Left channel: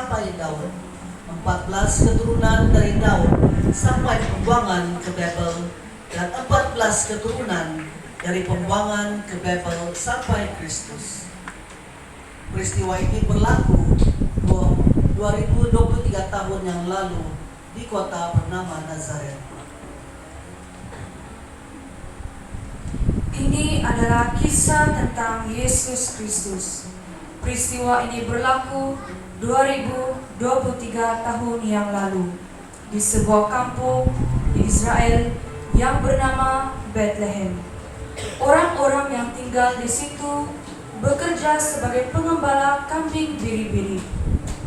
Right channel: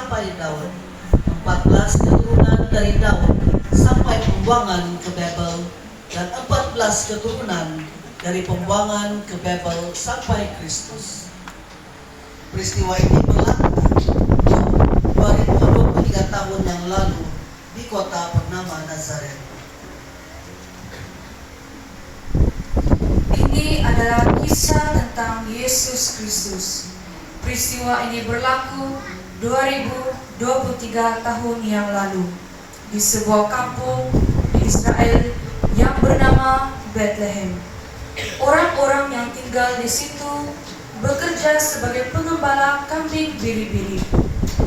sampai Daud, 14 keturunan dari Daud sampai pembuangan ke Babel, dan 14 keturunan dari pembuangan ke Babel sampai Kristus. Peristiwa ini berlaku 2023 tahun yang lalu di kota bernama Nazaret. Ini adalah kisah tentang Yesus Kristus. Peristiwa ini berlaku 2023 tahun yang lalu di sebuah kampung di Israel yang bernama Bethlehem. Orang-orang yang tinggal di situ bekerja sebagai pengembala kambing biri-biri.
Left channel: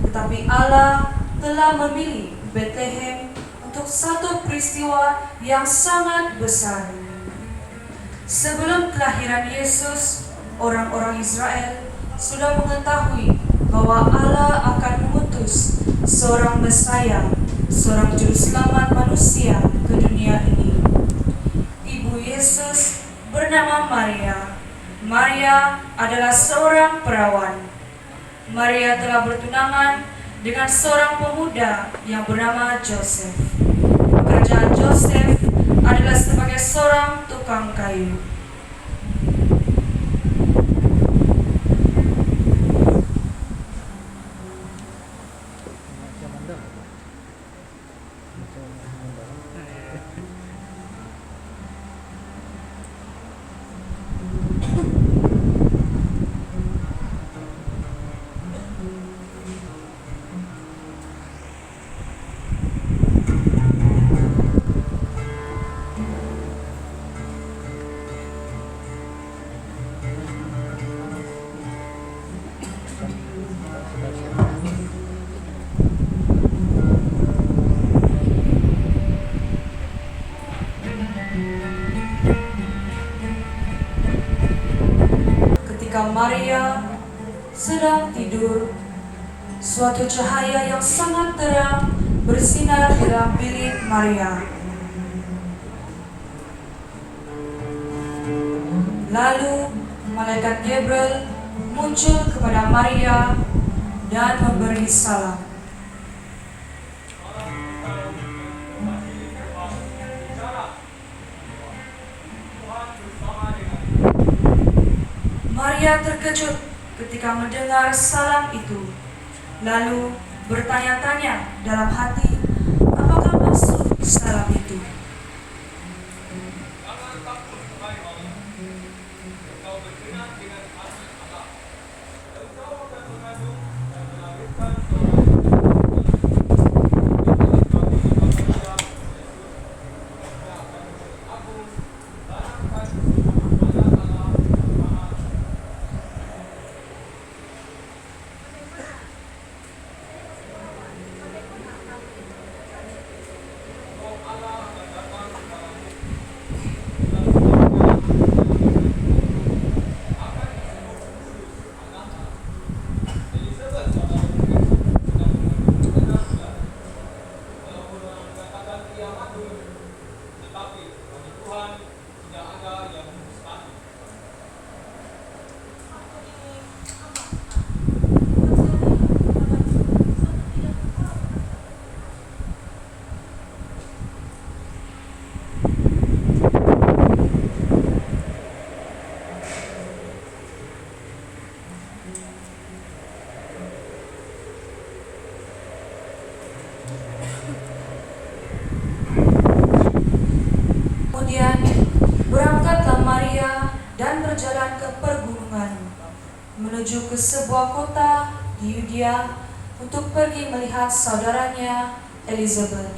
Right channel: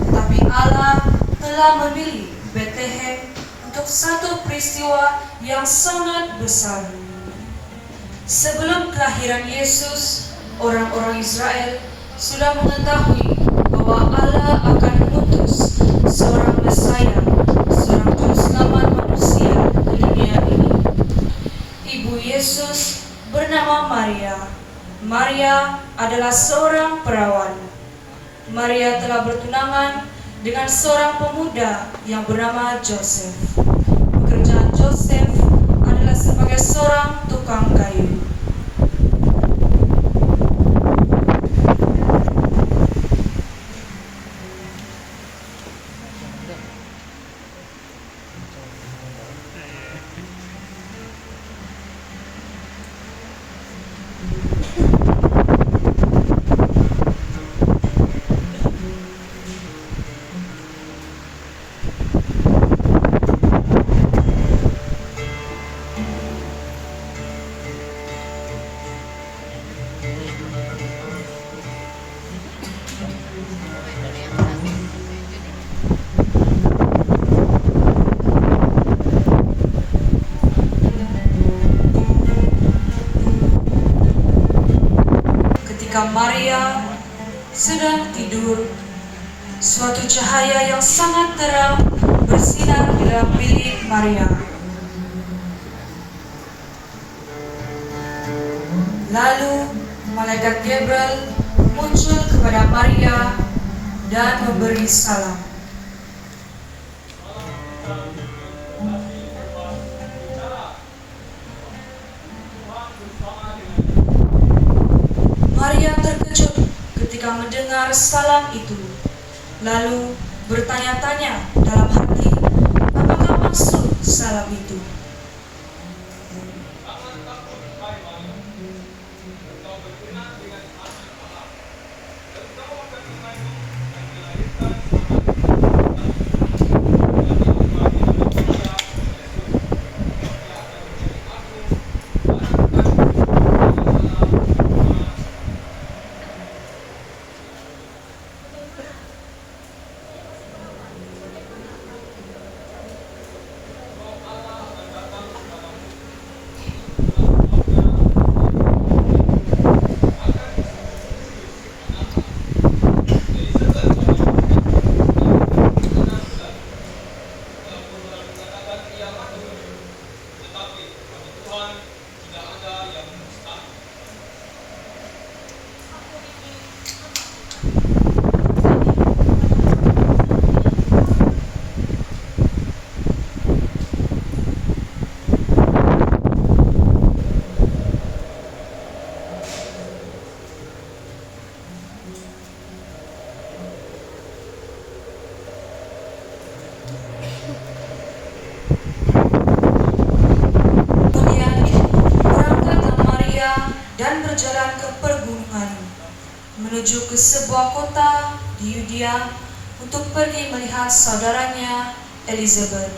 Tetapi Allah telah memilih Bethlehem untuk satu peristiwa yang sangat besar. Sebelum kelahiran Yesus, orang-orang Israel sudah mengetahui bahwa Allah akan mengutus seorang Mesaya, seorang juru selamat manusia ke dunia ini. Ibu Yesus bernama Maria. Maria adalah seorang perawan. Maria telah bertunangan dengan seorang pemuda yang bernama Joseph. Pekerjaan Joseph adalah sebagai seorang tukang kayu. Ketika Maria sedang tidur, suatu cahaya yang sangat terang bersinar di dalam bilik Maria. Lalu malaikat Gabriel muncul kepada Maria dan memberi salam. Maria terkejut ketika mendengar salam itu, lalu bertanya-tanya dalam hati, apakah maksud salam itu? Kemudian berangkatlah Maria dan berjalan ke pergunungan menuju ke sebuah kota di Yudea untuk pergi melihat saudaranya Elizabeth.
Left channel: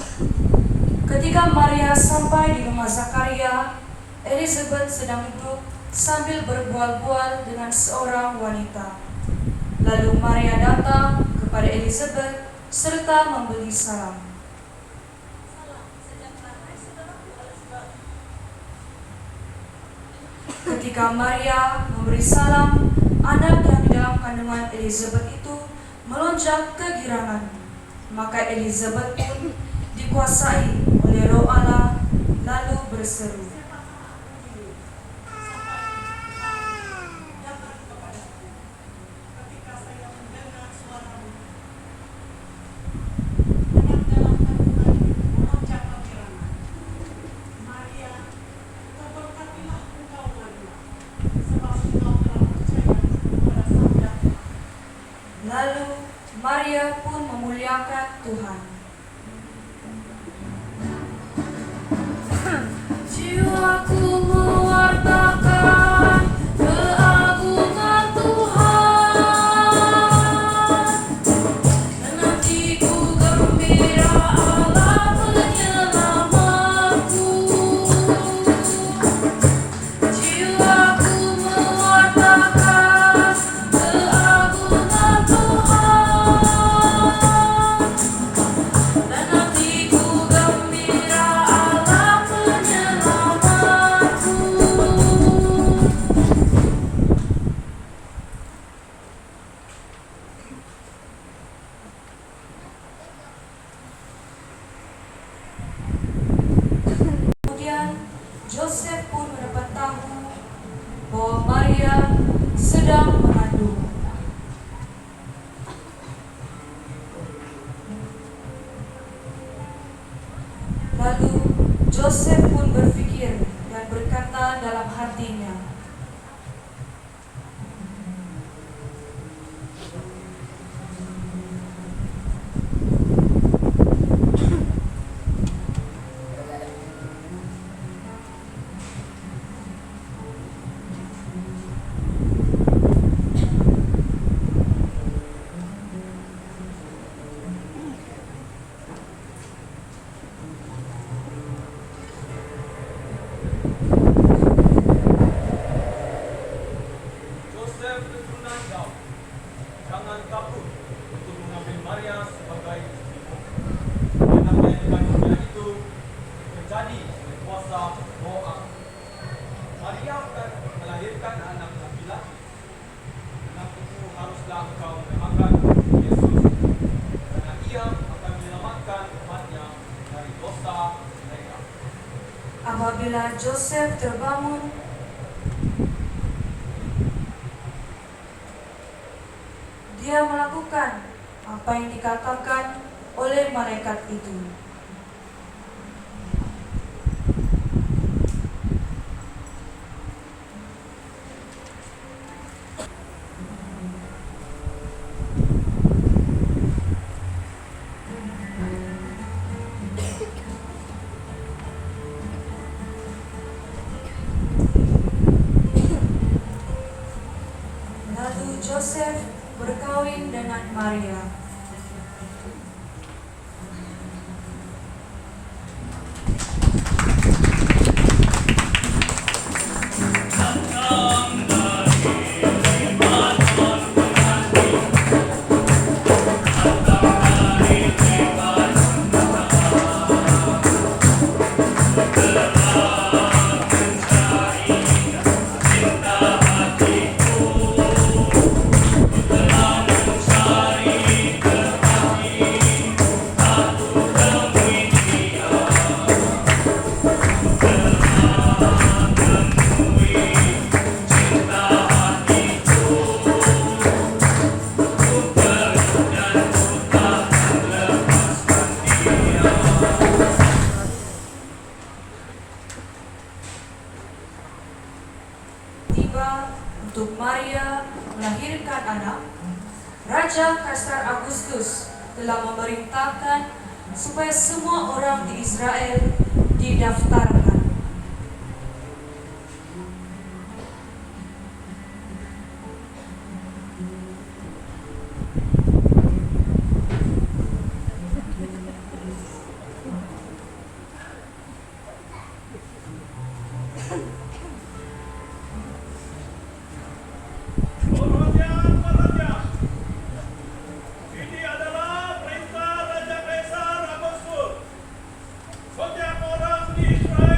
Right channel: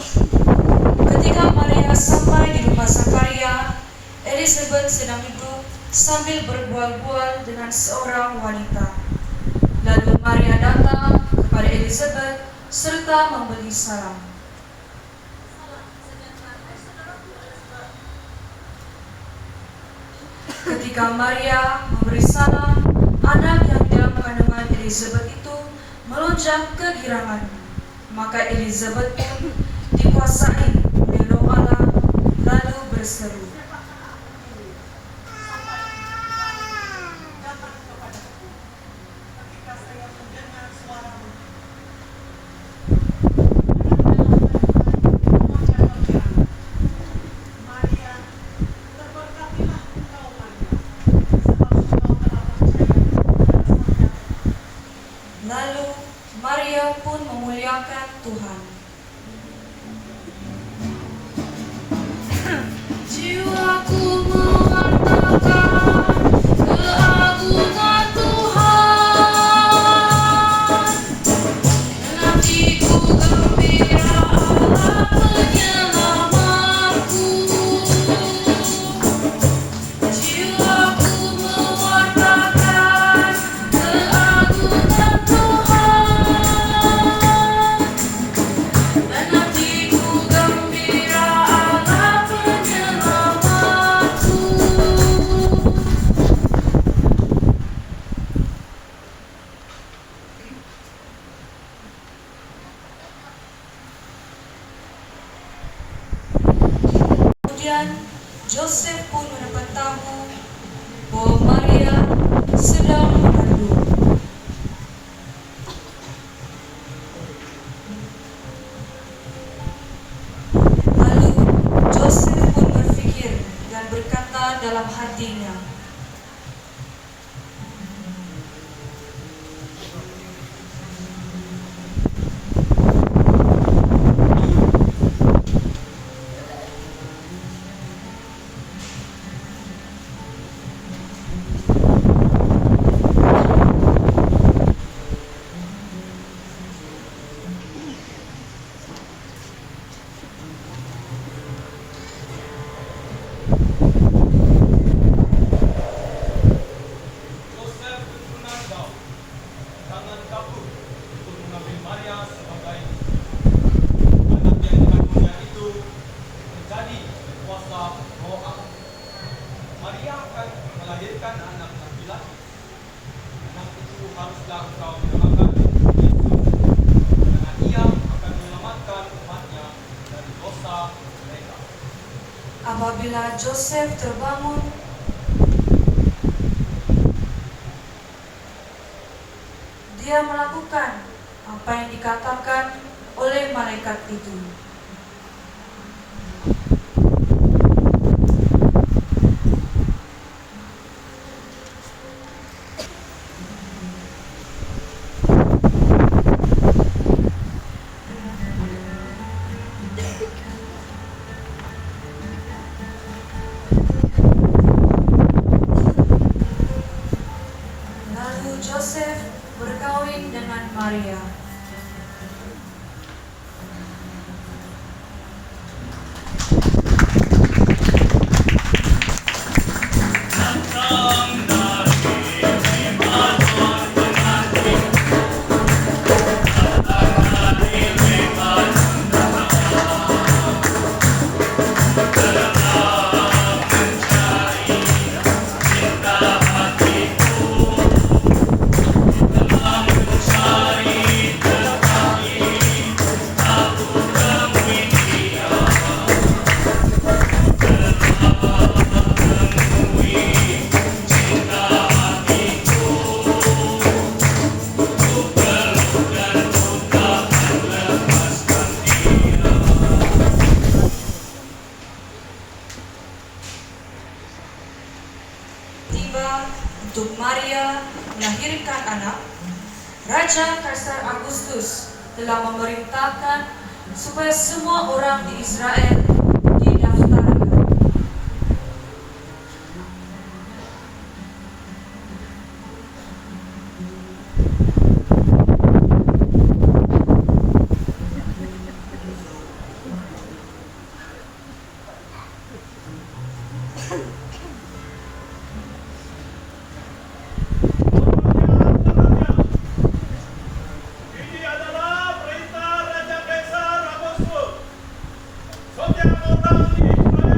Ketika Maria sampai di rumah Zakaria, Elizabeth sedang duduk sambil berbual-bual dengan seorang wanita. Lalu Maria datang kepada Elizabeth serta memberi salam. Ketika Maria memberi salam, anak yang di dalam kandungan Elizabeth itu melonjak kegirangan. Maka Elizabeth pun dikuasai oleh Roh Allah, lalu berseru, Lalu Maria pun memuliakan Tuhan. Jiwaku mewartakan keagungan Tuhan, dan hatiku gembira Allah penyelamatku. Jiwaku mewartakan keagungan Tuhan, dan hatiku gembira Allah penyelamatku. Kemudian Joseph pun mendapat tahu bahwa Maria sedang mengandung. Lalu Joseph pun berpikir dan berkata dalam hatinya, Joseph keturunan Daud, jangan takut untuk mengambil Maria sebagai istri. Anak yang dikandungnya itu menjadi kuasa Roh Allah. Maria akan melahirkan anak laki-laki. Anak itu haruslah engkau menamakan Yesus, karena ia akan menyelamatkan umatnya dari dosa mereka. apabila Joseph terbangun, dia melakukan apa yang dikatakan oleh malaikat itu. Lalu Joseph berkawin dengan Maria. Tiba untuk Maria melahirkan anak, Raja Kaisar Agustus telah memerintahkan supaya semua orang di Israel didaftarkan. Menurutnya, ini adalah perintah Raja Kaisar Agustus. Setiap orang di Israel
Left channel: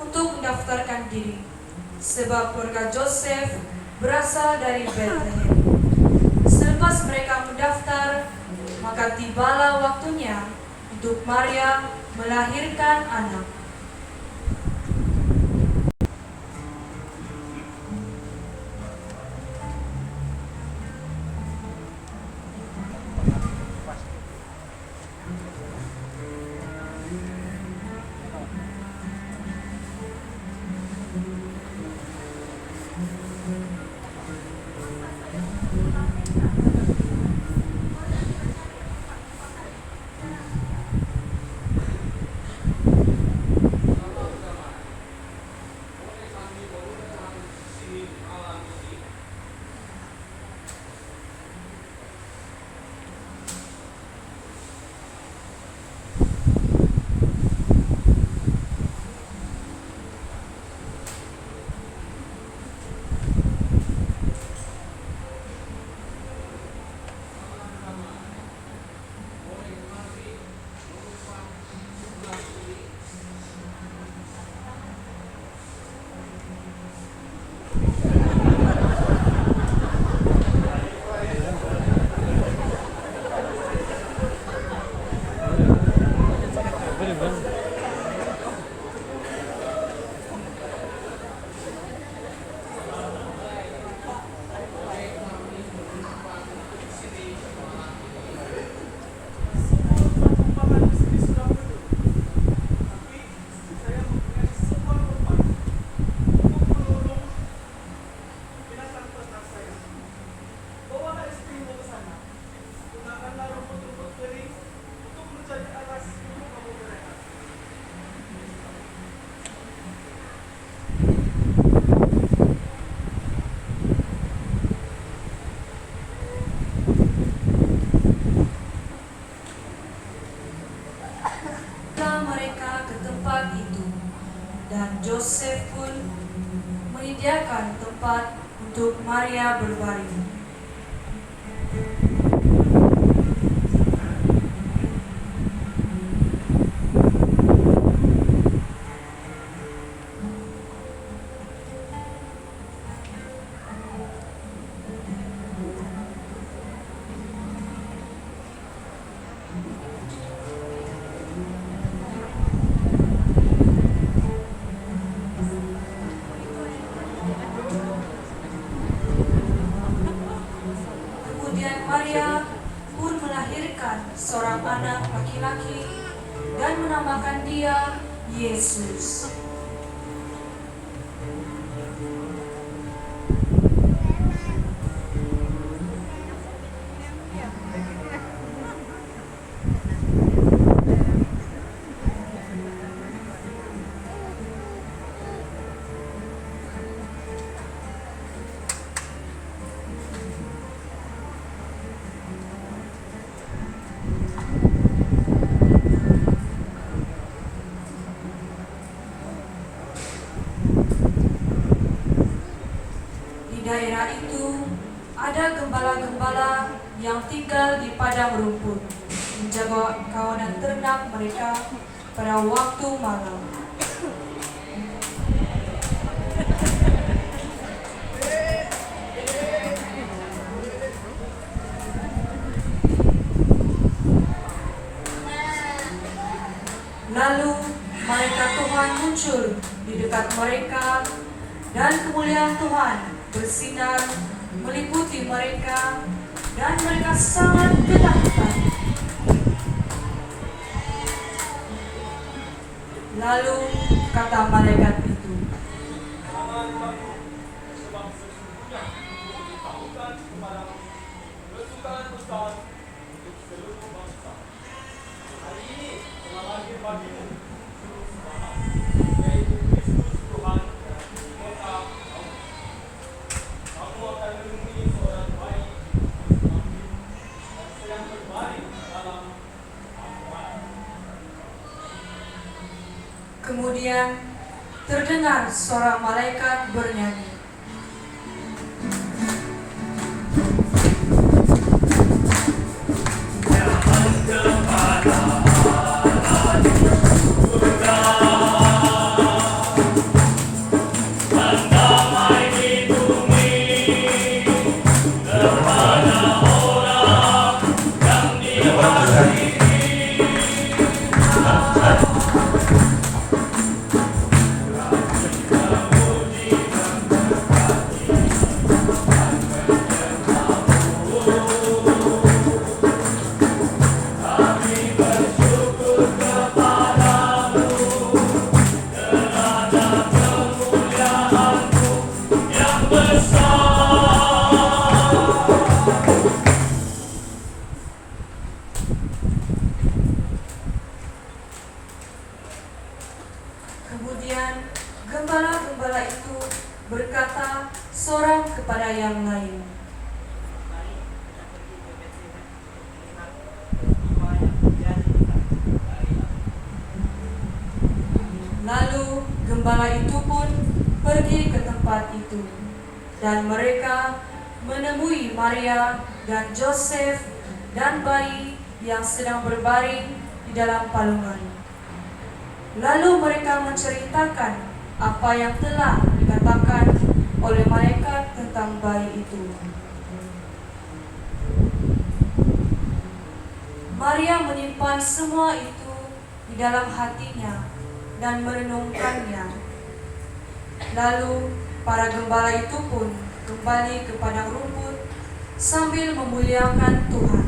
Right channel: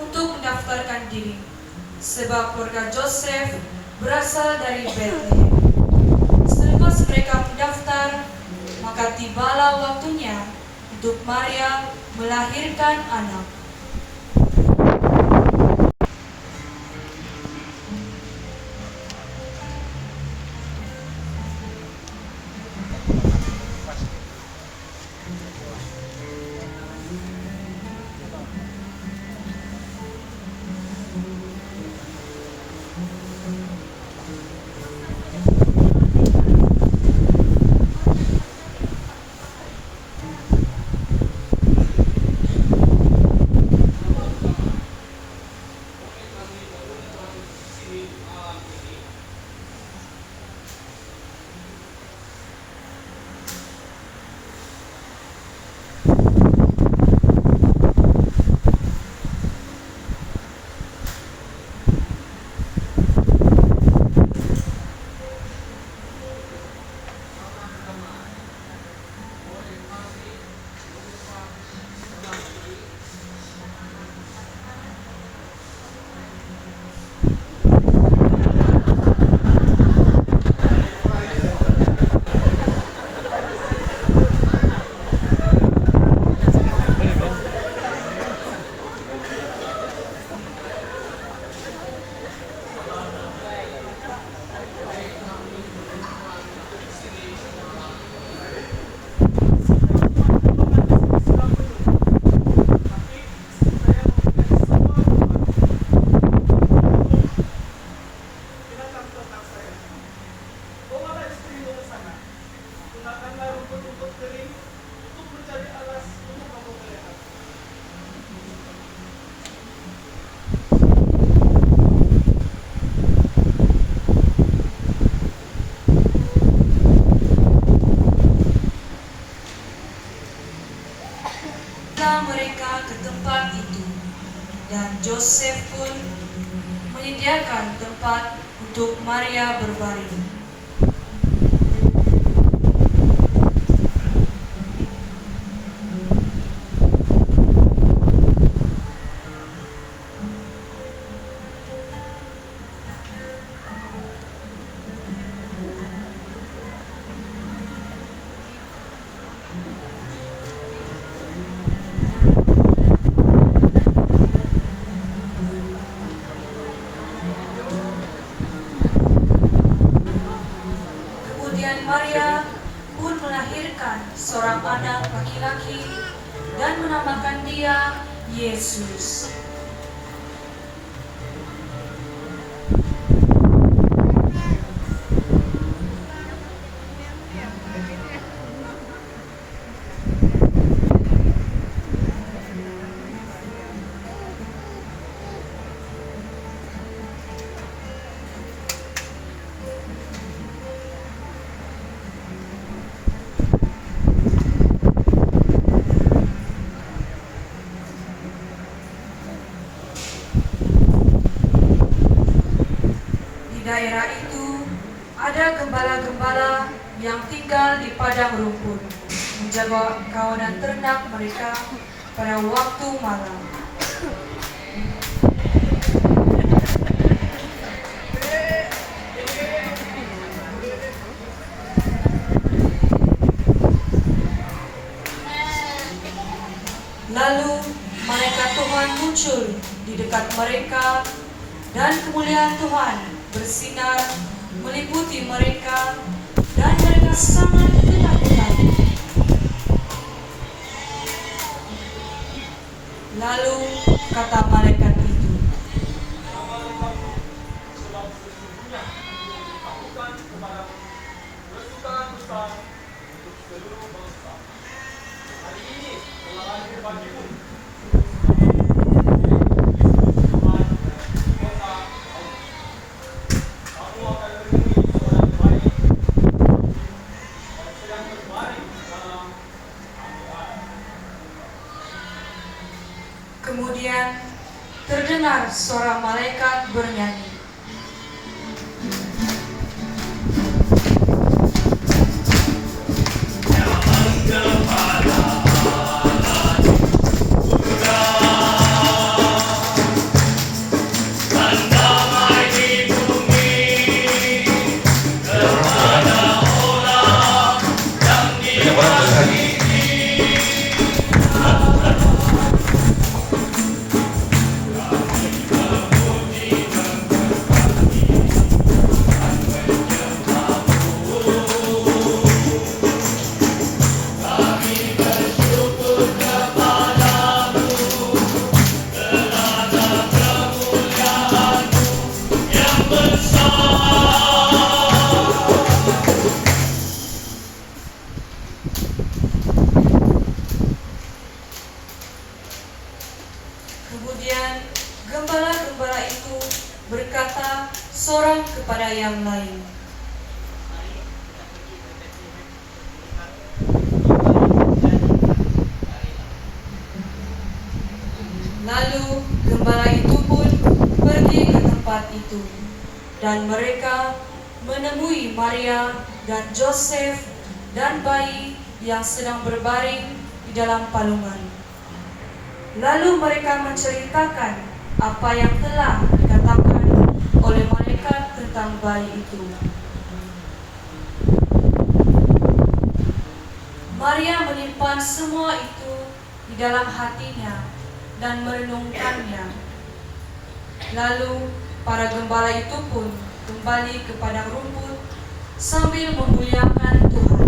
untuk mendaftarkan diri, sebab keluarga Joseph berasal dari Bethlehem. Selepas mereka mendaftar, maka tibalah waktunya untuk Maria melahirkan anak. Mereka ke tempat itu, dan Joseph pun menyediakan tempat untuk Maria berbaring. Maria pun melahirkan seorang anak laki-laki dan menamakan dia Yesus. Daerah itu ada gembala-gembala yang tinggal di padang rumput, menjaga kawanan ternak mereka pada waktu malam. Lalu malaikat Tuhan muncul di dekat mereka, dan kemuliaan Tuhan bersinar meliputi mereka, dan mereka sangat ketakutan. Lalu kata malaikat itu, "Jangan takut, sebab sesungguhnya dikabulkan kepadamu kesukaan besar untuk seluruh bangsa. Hari ini telah lahir bagimu kemudian terdengar suara malaikat bernyanyi, Kemudian gembala-gembala itu berkata seorang kepada yang lain, lalu gembala itu pun pergi ke tempat itu, dan mereka menemui Maria dan Josef dan bayi yang sedang berbaring di dalam palungan. Lalu mereka menceritakan apa yang telah dikatakan oleh malaikat tentang bayi itu. Maria menyimpan semua itu di dalam hatinya dan merenungkannya. Lalu para gembala itu pun kembali kepada rumput sambil memuliakan Tuhan.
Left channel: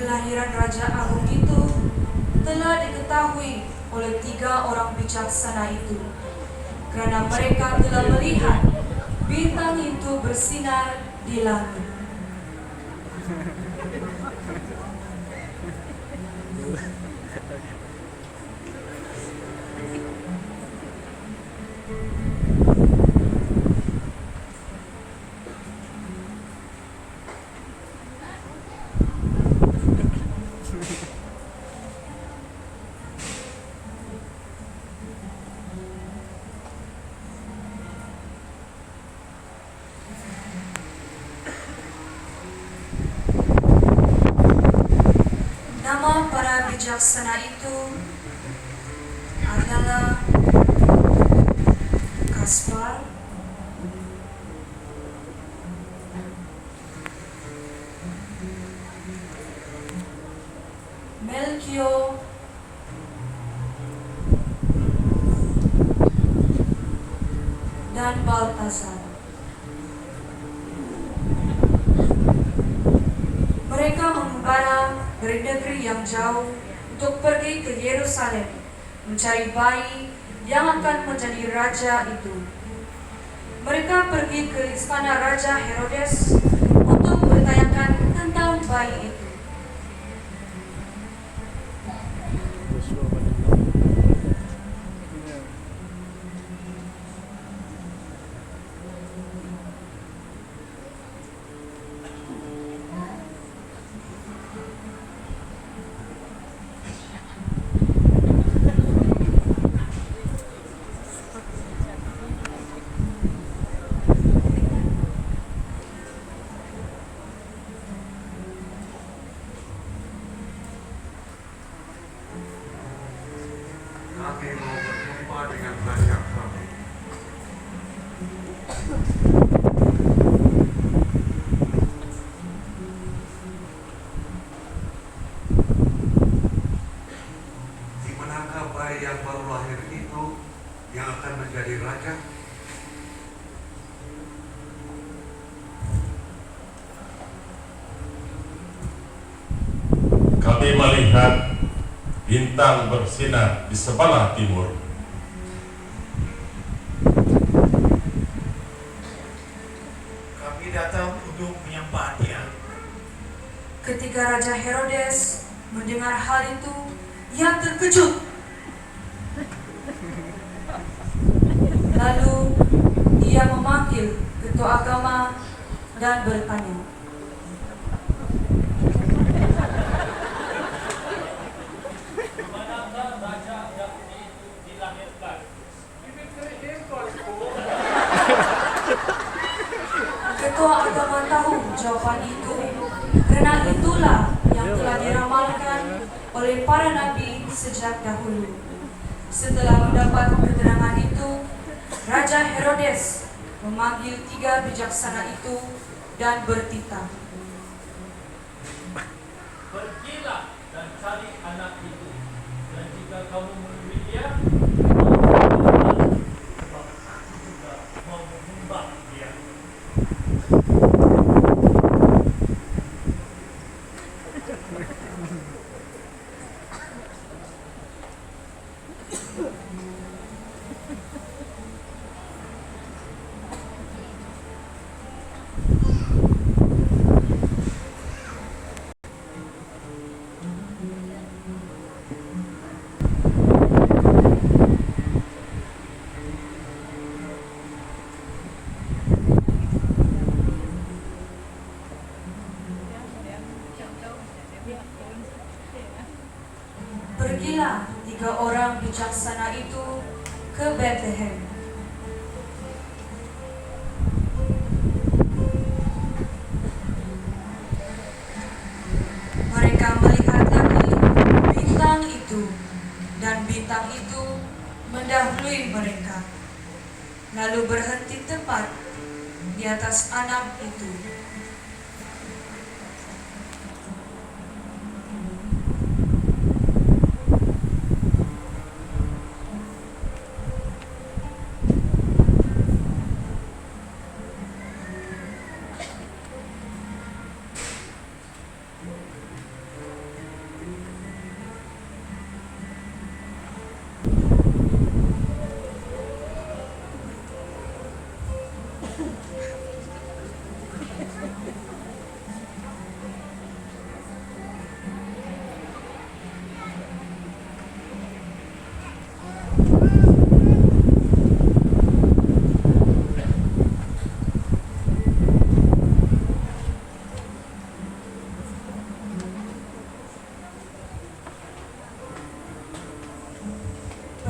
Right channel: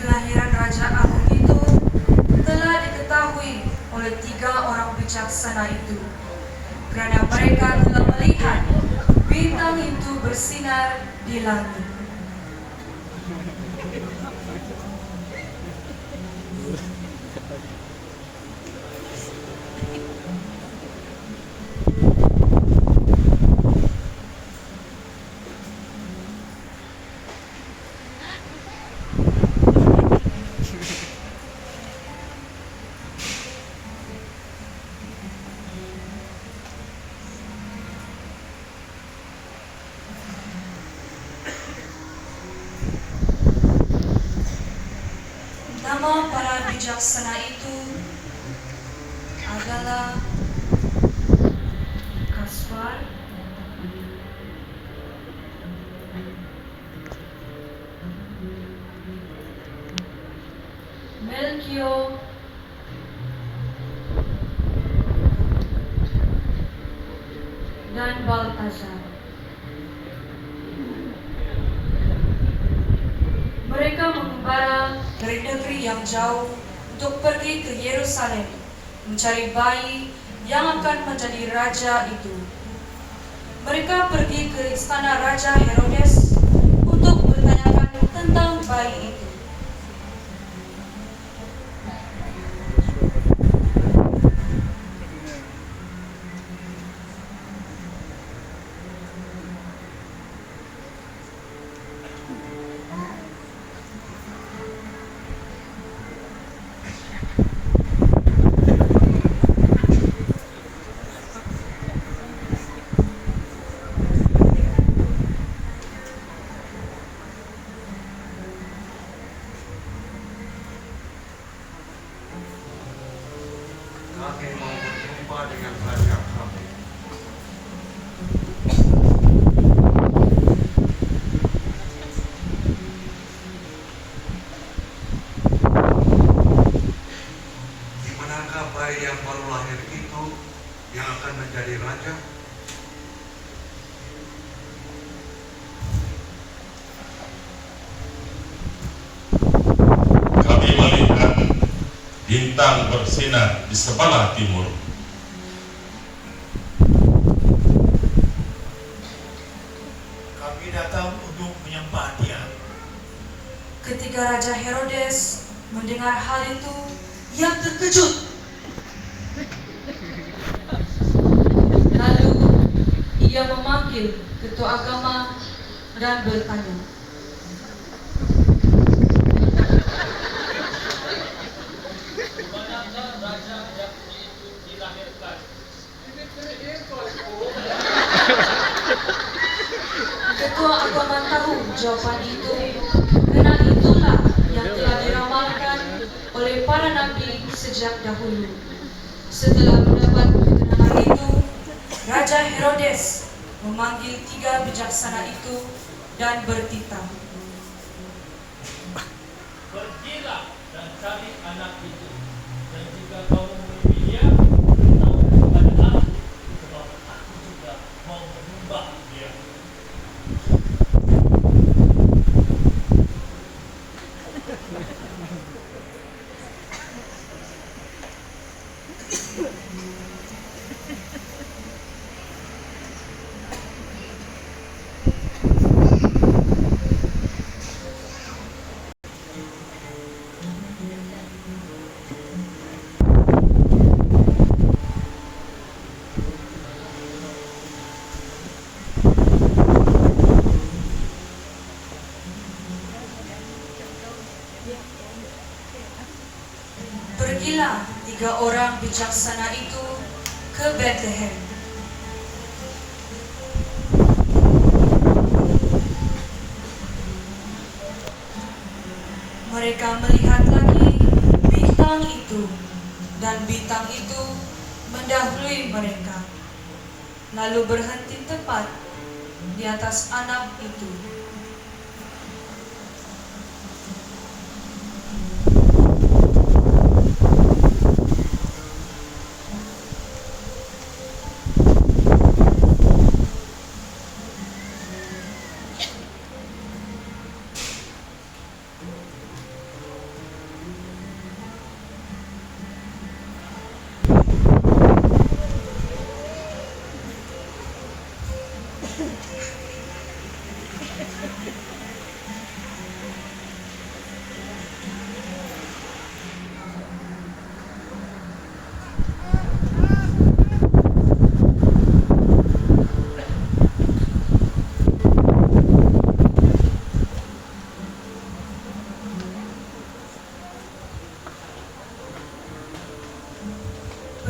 Kelahiran Raja Agung itu telah diketahui oleh 3 orang bijaksana itu, karena mereka telah melihat bintang itu bersinar di langit. Nama para bijaksana itu adalah Kaspar, Melchior, dan Baltasar. Mereka mengembara dari negeri yang jauh untuk pergi ke Yerusalem mencari bayi yang akan menjadi raja itu. Mereka pergi ke istana Raja Herodes untuk bertanyakan tentang bayi itu. Kami mau berjumpa dengan Raja kami. Di manakah bayi yang baru lahir itu yang akan menjadi raja? Kami melihat bintang bersinar di sebelah timur. Kami datang untuk menyembah Dia. Ketika Raja Herodes mendengar hal itu, ia terkejut. Lalu ia memanggil ketua agama dan bertanya, Manakah raja Yahudi itu dilahirkan? ketua agama tahu jawaban itu, karena itulah oleh para nabi sejak dahulu. Setelah mendapat keterangan itu, Raja Herodes memanggil 3 bijaksana itu dan bertitah. Pergilah dan cari anak itu, dan jika kamu menemui dia, mau berkata, sebab aku juga mau menyembah dia. Pergilah 3 orang bijaksana itu ke Bethlehem. Mereka melihat lagi bintang itu, dan bintang itu mendahului mereka, lalu berhenti tepat di atas anak itu.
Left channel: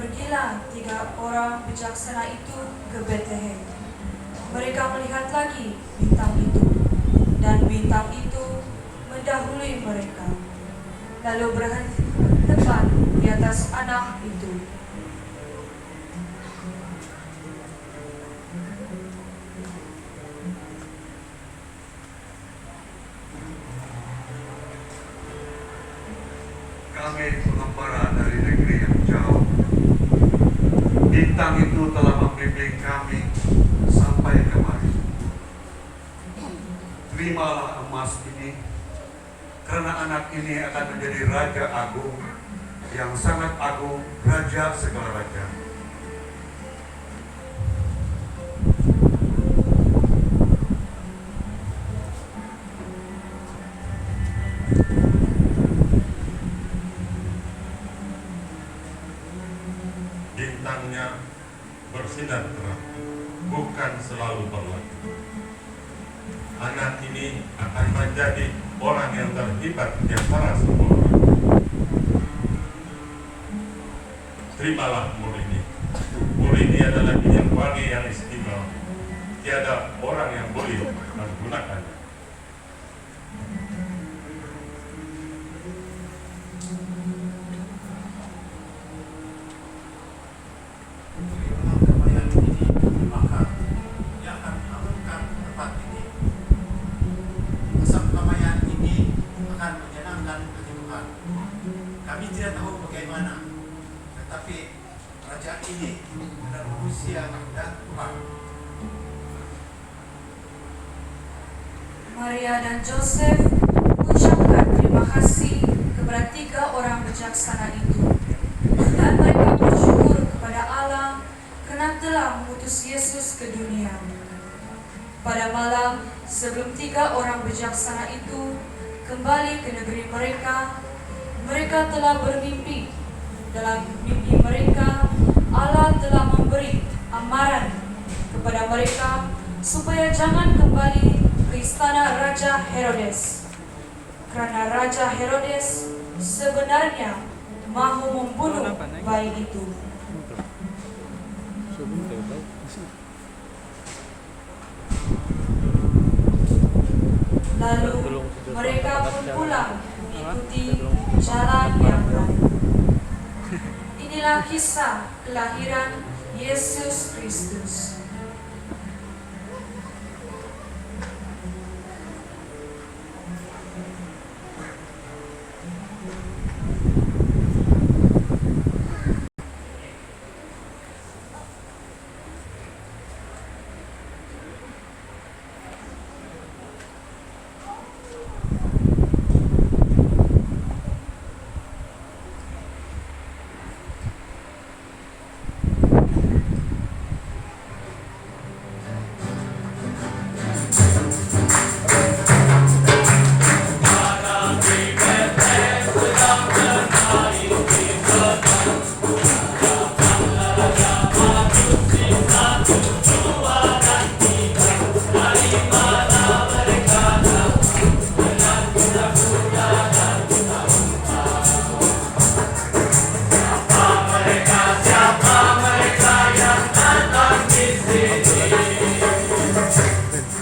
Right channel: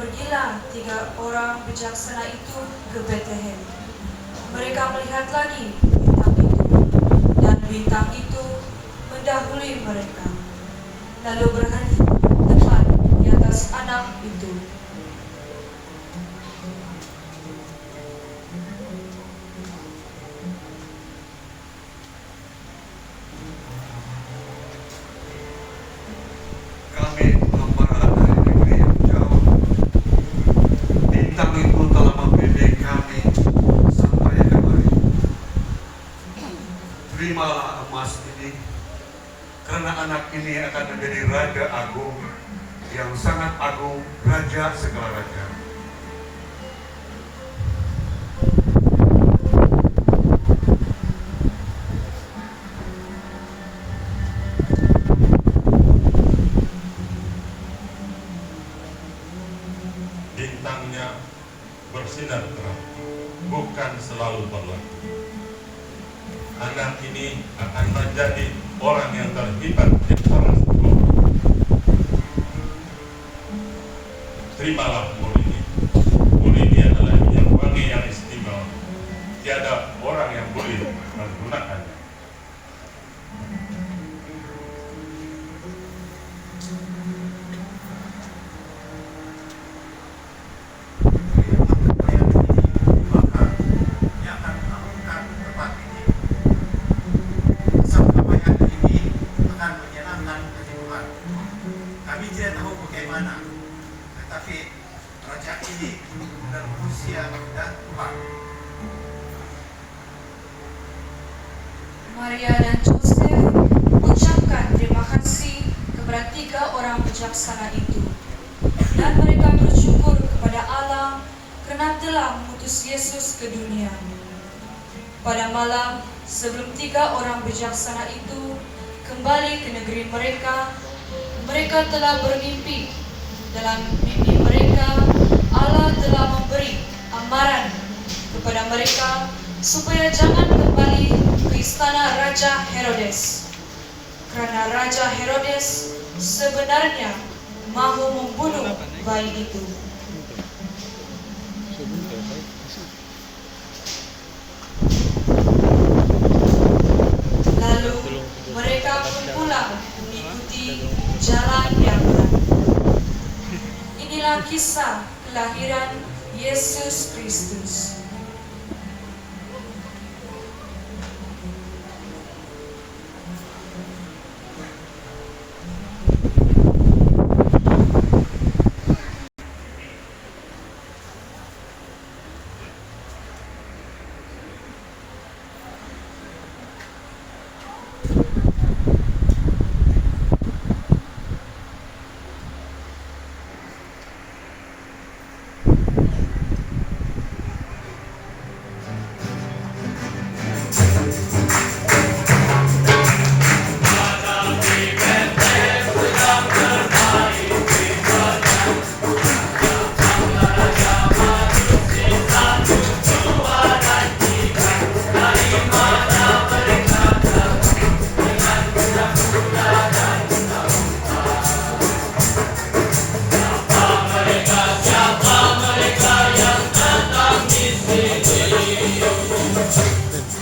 Pergilah 3 orang bijaksana itu ke Bethlehem. Mereka melihat lagi bintang itu, dan bintang itu mendahului mereka, lalu berhenti tepat di atas anak itu. Kami pengembara dari negeri yang jauh. Bintang itu telah membimbing kami sampai kemari. Terimalah emas ini, karena anak ini akan menjadi Raja Agung, yang sangat agung, Raja segala raja. Bintangnya bersinar terang, bukan selalu berlaku. Anak ini akan menjadi orang yang terhebat di antara semua orang. Terimalah mur ini. Mur ini adalah minyak wangi yang istimewa. Tiada orang yang boleh menggunakannya. Kami tidak tahu bagaimana, tetapi raja ini benar manusia dan Tuhan. Maria dan Joseph ucapkan terima kasih kepada 3 orang bijaksana itu, dan mereka bersyukur kepada Allah karena telah mengutus Yesus ke dunia. Pada malam sebelum 3 orang bijaksana itu kembali ke negeri mereka, mereka telah bermimpi. Dalam mimpi mereka, Allah telah memberi amaran kepada mereka supaya jangan kembali ke istana Raja Herodes, karena Raja Herodes sebenarnya mahu membunuh bayi itu. Lalu mereka pun pulang mengikuti mengikuti jalan yang baik. Inilah kisah kelahiran Yesus Kristus.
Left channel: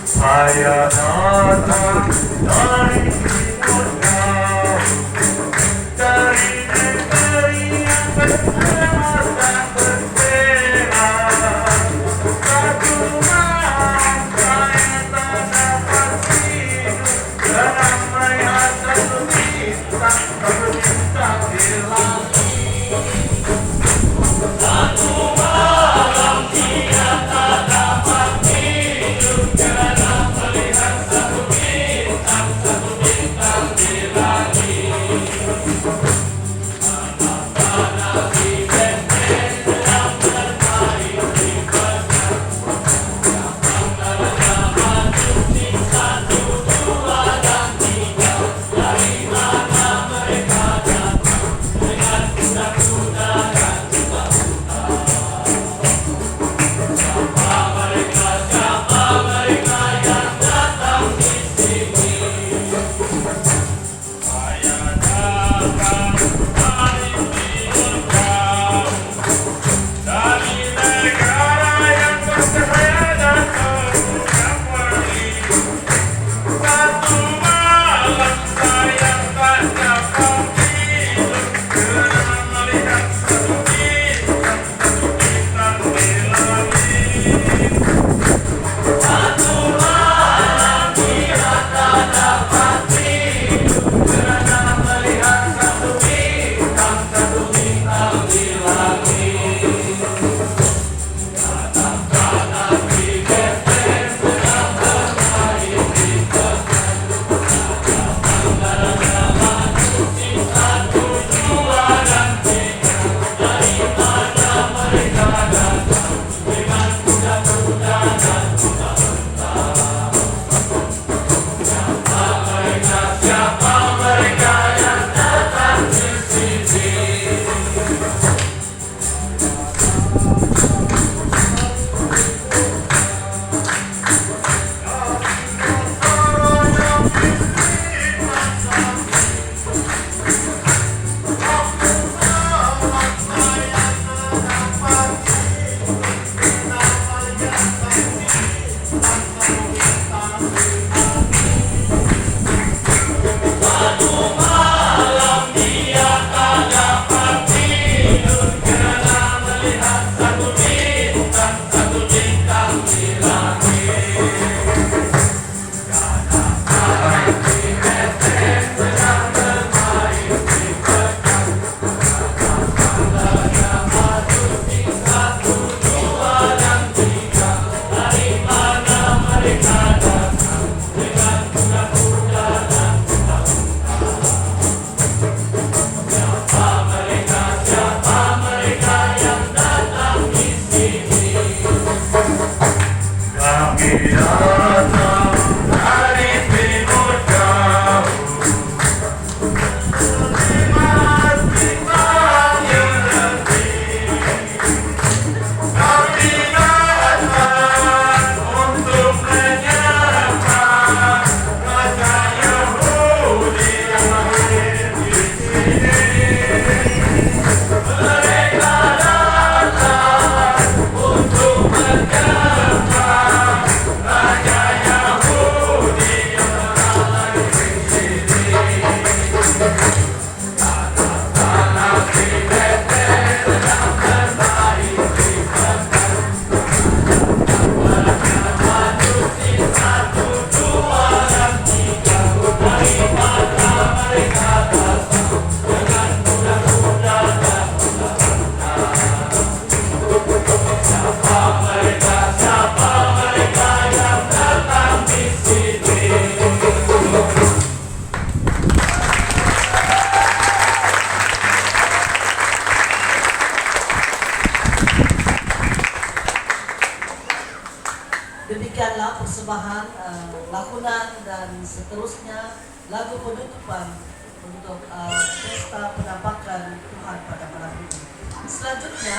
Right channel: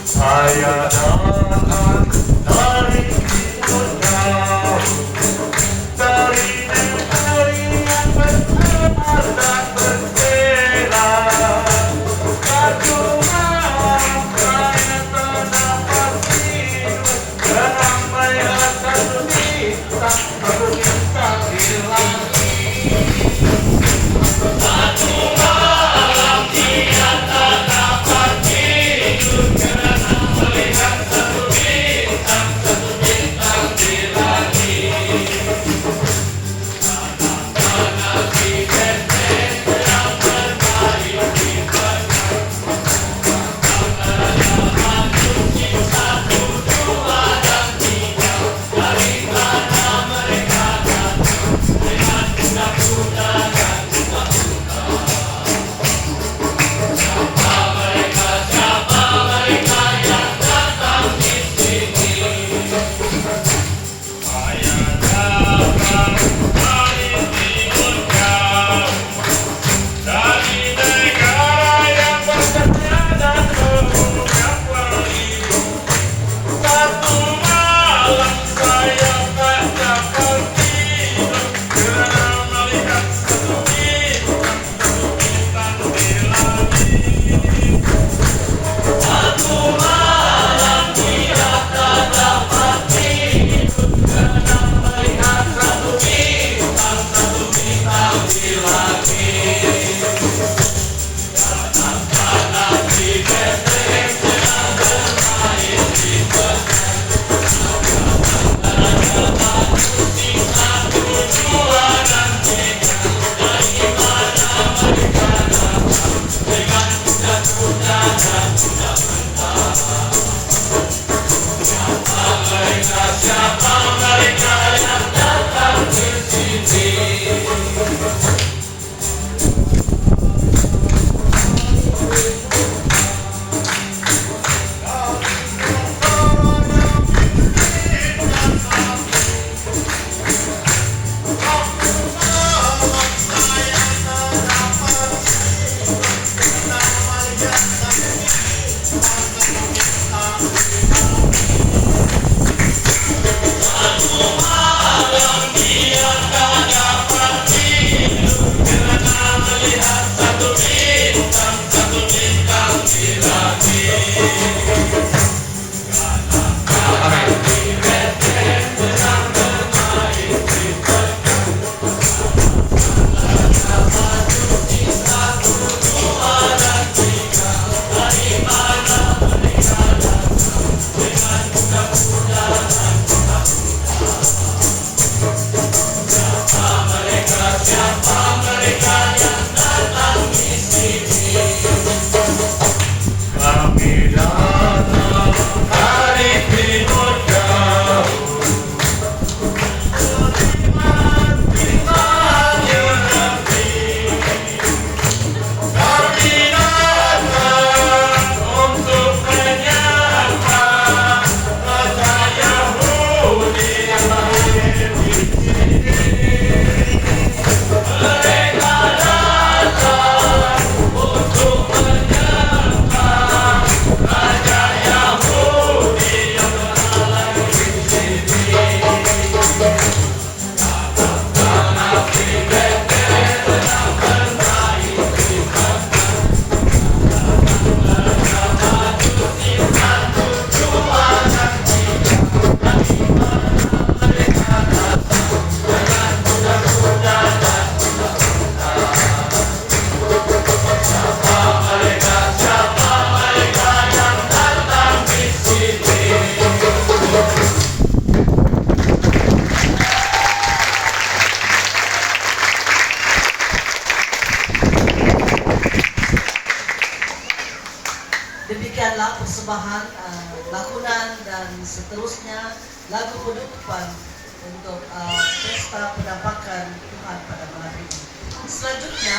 Saya datang dari timur dari negeri yang bersemangat dan berbela. Satu bangsa yang terdapat hidup dalam melihat satu bintang di langit. Satu malam dia tak dapat hidup karena melihat satu bintang di langit. Anak-anak di Bethlehem sedang bermain di padang. Tanggalnya masuk satu, dua, dan tiga. Dari mana mereka adalah persembahan lakonan dan seterusnya lagu penutupan untuk pesta penampakan Tuhan pada malam ini. Selanjutnya